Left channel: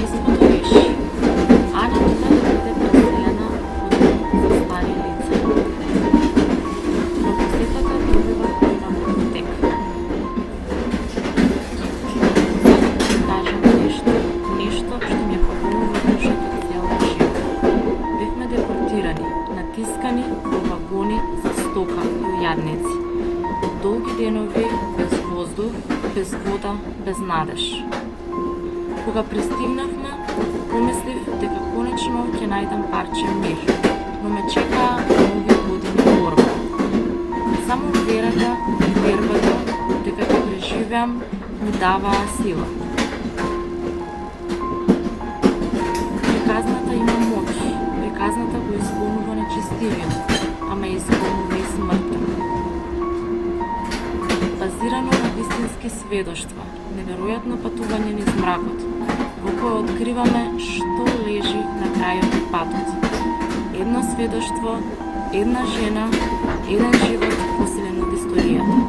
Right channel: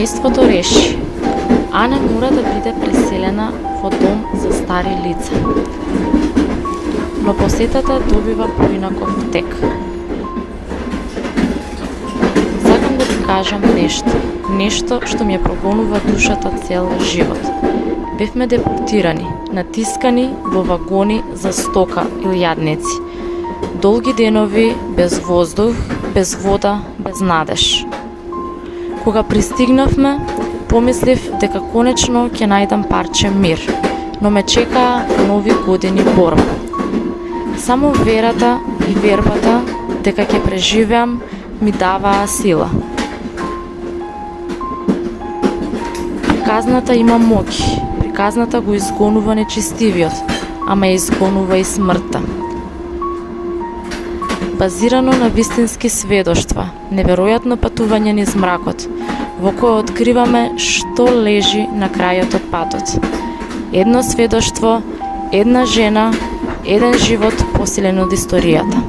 Семејството реши, Ана мора да биде преселена во дом за стари лица. Но посетата добива поинаков тек. Сакам да ви кажам нешто што ми ја прогонува душата цел живот. Бевме депортирани, натискани во вагони за стока или јадници. Долги денови без воздух, без вода, без надеж. Кога пристигнавме, помислив дека конечно ќе најдам парче мир, но ме чекаа нови години борба. Само верата и вербата дека ќе преживеам ми даваа сила. Приказната има моќ, приказната го изгонува нечистивиот, ама ја изгонува и смртта. Базирано на вистински сведоштва, неверојатно патување низ мракот, во кое откриваме што лежи на крајот од патот. Едно сведоштво, една жена, еден живот посилен од историјата.